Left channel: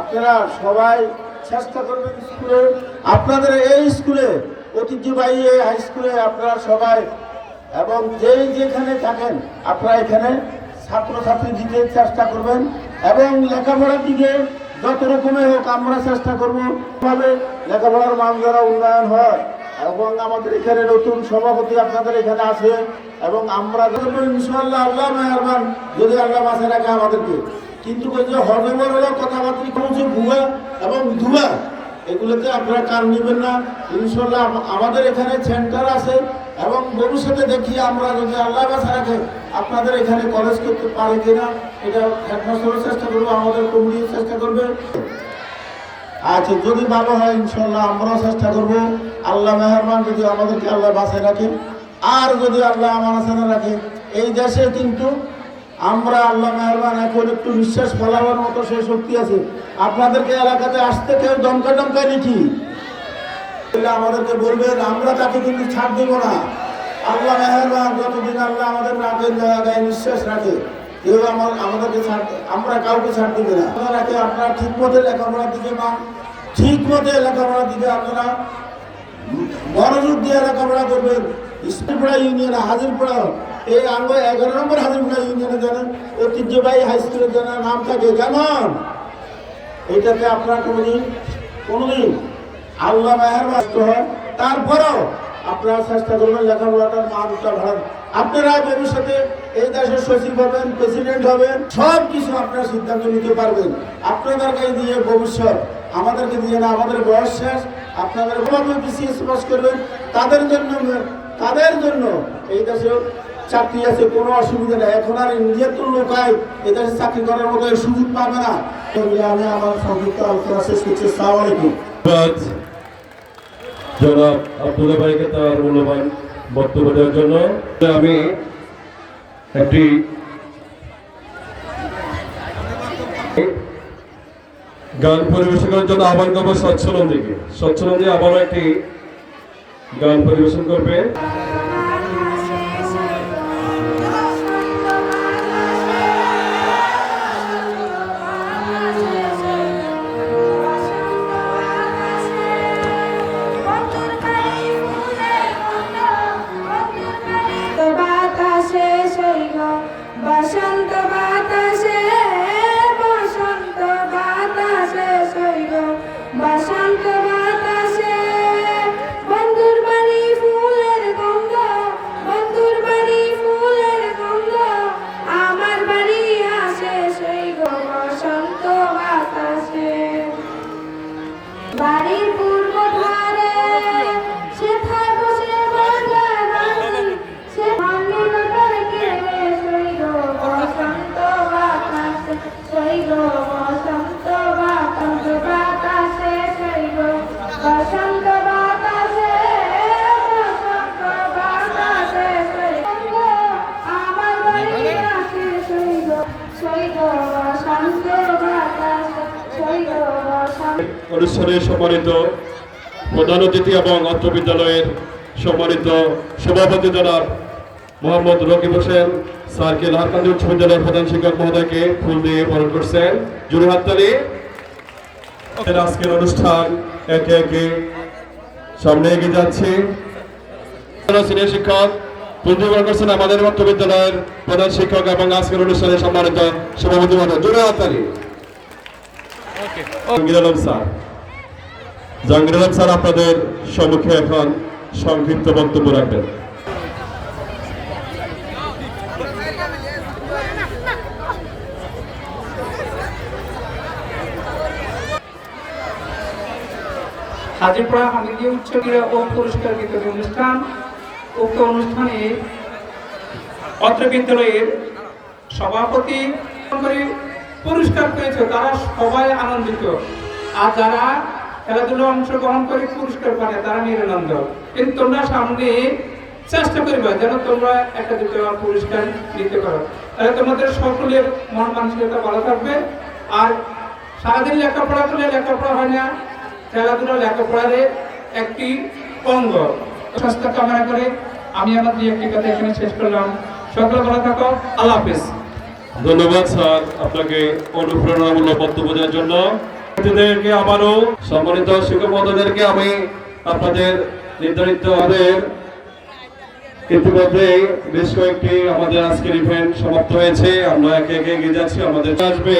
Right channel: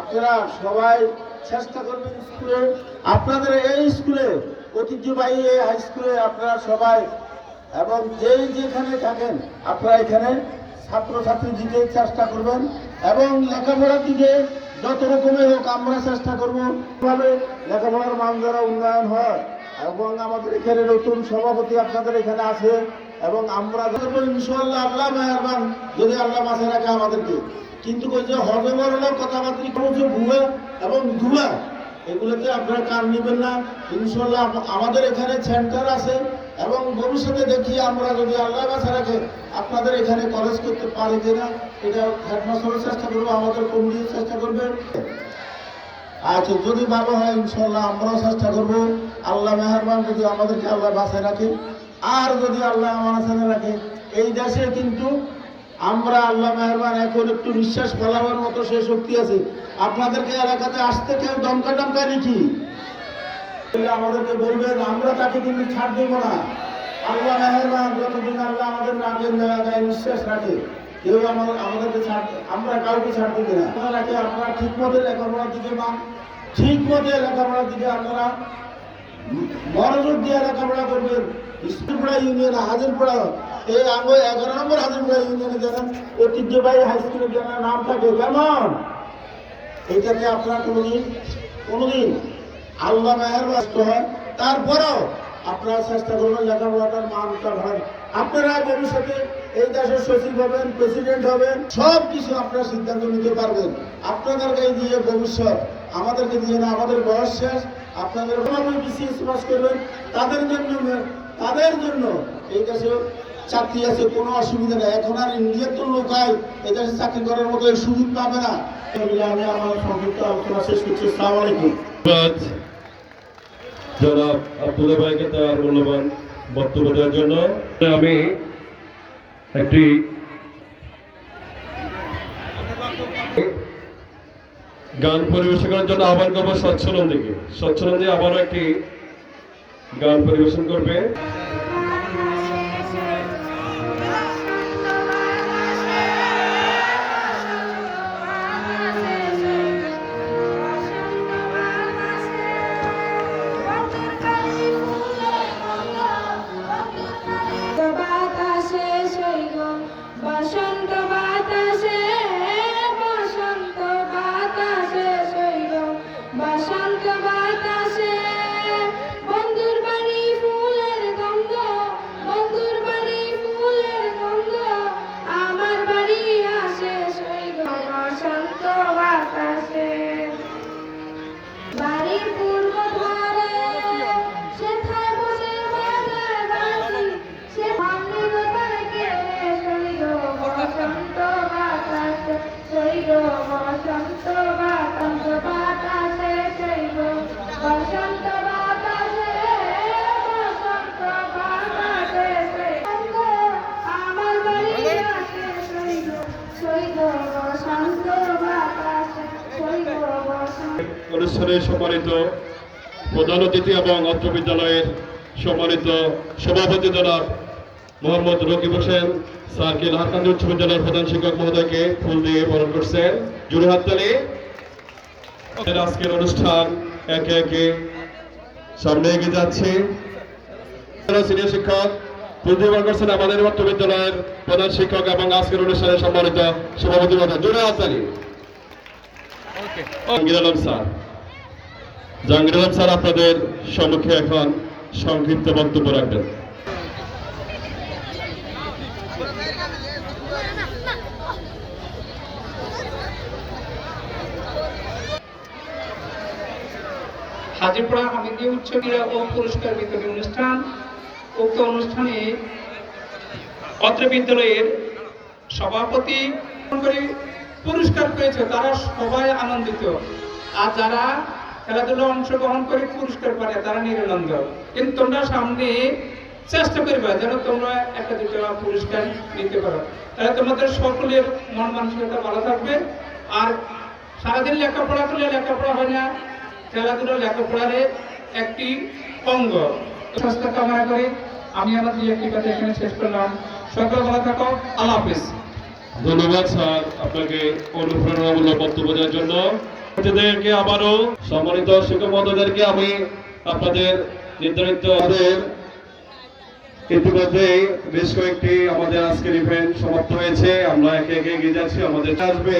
আপনারা সবাই চেষ্টা করবেন স্কুলে। আপনাদের এই স্কুলে, ঐতিহ্যবাহী এই হাই স্কুলে আপনারা সবাই, এবং যেই যেখানে থাকেন, আপনারা এখানে ছাত্রছাত্রী দিতে চেষ্টা করবেন, এবং লেখাপড়ার দিকে যত রকমের হোক আমরা চেষ্টা করব ভাবে লেখাপড়ার মান দ্বারা উন্নয়ন হয়, এবং আমাদের এখানে নতুন সভাপতি আপনাদের এখানে আছে, এবং আমরা ইনশাল্লাহ আল্লাহ মেহরবান যদি আল্লাহ বাঁচায় রাখে আমাদেরকে। কিন্তু ওই যে হজমর হলো কথাবার্তা যে ভুয়া এবং ধুয়া, এগুলোতে আপনারা কান নেবেন না। ইনশাল্লাহ আমাদের এখানে সেন্টার আছে এবং ভবিষ্যতে দেখি আমরা যদি আল্লাহ বাসা রাখে, আপনাদের এখানে কলেজ করতে পারে কিনা, এটা হেডমাস্টারের চেষ্টা করবে, আমাদের কমিটির চেষ্টা করবে। আচ্ছা যদি ভালো হয় ইনশাল্লাহ আমরাও চেষ্টা করব। আল্লাহ মেহরমান যদি আমাদেরকে আল্লাহ বাঁচিয়ে রাখে। আর যদি আল্লাহ আমার রাখে, এই দেশে কিন্তু আমরা আল্লাহ মেহরবান এখন একটু নিঃশ্বাস ফলাবার মতো সেই শক্তি আছে। আপনাদেরকে এলাকাতে আসতে কেউ দমকা টমকা বললে আমাদেরকে বলবেন, আমরা তাকে কিন্তু ছাড় দেবো না। আল্লাহ মেহরবান যতদিন আল্লাহ আমাদের রাখেন দয়া দেয়, নিঃশ্বাস রাখে, কেউ আমার আমাদেরকে ছাড় আমরা কাউকে ছাড় দিবে না। আপনারা রাখে আপনারা ঠিক মতো লেখাপড়ার দিকে মা ঠিক মতো লেখাপড়ার দিকে আপনারা মনোযোগ দিয়ে লেখাপড়া করবেন। স্কুলপাড়া ইউনিয়ন হাজিরপাড়া এই আঙ্গ এগারো নম্বর হাজিরপাড়া ইউনিয়নে যেন ঐতিহ্যবাহী হাই স্কুলের যেন নাম থাকে যেমন এটাতে আপনারা কোনোদিন কোনোদিন আল্লাহ মেহের ব্যস্ত হয় তারপরেও আপনারা চেষ্টা করবেন লেখাপড়াটার মানটা ভালো আপনারা ভবিষ্যতে এই দেশের সচিব হবেন প্রেসিডেন্ট হবেন সব কিছু আপনারা সিদ্ধান্ত নিতে পারবেন। আপনাদেরকে দিয়ে ভবিষ্যৎ আমাদেরকে দিয়ে না, আমাদের বয়স শেষ। আপনাদের বিসিএস পাস করবেন। তাদের জন্য তাদের জন্য এই দেশে চাকরি আছে, কোনো অসুবিধা নেই। এখন আর ইন্ডিয়ার তো লোকায় এদের চাকরি করার মতো সুযোগ পাবে না। আমি আমার সংযুক্ত আলোচনা শেষ করছি। সালাম ধন্যবাদ। জনাব আব্দুল্লাহ ভাইকে তার মূল্যবান বক্তব্য দেওয়ার জন্য। আমি একটি গান পরিবেশন করার জন্য আহ্বান করব স্বচ্ছলন দিকে স্বচ্ছলন দিয়ে আবারও একটি গান পরিবেশন করবে। বসন্ত অনুষ্ঠানের সম্মানিত প্রধান অতিথি এবং অত্র বিদ্যালয়ের সম্মানিত সভাপতি জনাব মোহাম্মদ রকিব হোসেন, স্যারকে ঢাকান্দি উচ্চ বিদ্যালয়ের প্রধান শিক্ষক মহোদয়কে ফুল দিয়ে বরণ করছেন। জুড়ে আজকের অনুষ্ঠান একে একে সামনে এগিয়ে যাচ্ছে। সিনিয়র শিক্ষক প্রতিবার করছেন আমাদের মধ্য বিদ্যালয়ের প্রধান শিক্ষক এবং আজকের অনুষ্ঠানে সম্মানিত সভাপতি মহোদয়, জুড়ে জাহাঙ্গীর আলম স্যার। স্যার আপনাদের সম্মুখে এখন সংক্ষিপ্ত বক্তব্য রাখবেন। হাজিরপাড়া হামিদি উচ্চ ক্রীড়া ও পুরস্কার বিতরণ অনুষ্ঠান, উক্ত অনুষ্ঠানে অত্র বিদ্যালয়ের সভাপতি পুরস্কার পেয়েছে, তারা সবাই আনন্দিত। আর যারা খেলাধুলা অংশগ্রহণ করে পুরস্কার পায়, তারা নিরানন্দ। কিন্তু তোমরা সামনে চেষ্টা করবে যেন তোমরা একটা দুটো পুরস্কার নিতে পারো। তাহলে তোমাদের সকলের মন মানসিকতা ভালো থাকবে। আর সারাদিন লেখাপড়া করলে লেখাপড়া হয় না, খেলাধুলা লেখাপড়ার একটি অঙ্গ। স্বাস্থ্য কামনা করে আমি আমার দুই একটি কথা এখানে শেষ করলাম। সকলে ভালো থাকো, আল্লাহ হাফিজ। ধন্যবাদ স্যার আপনাকে অনুপ্রেরণামূলক বক্তব্য দেওয়ার জন্য। অতিথিদেরকে আবারও সম্মানিত শিক্ষক মহোদয়দেরকে আমি আপনাদের নির্ধারিত আমাদের ইতিমধ্যে বেশ কয়েকটি আমাদের আজকের ইভেন্ট সমাপ্ত হয়েছে। আমরা একে একে এগিয়ে যাচ্ছি আমাদের আসবে।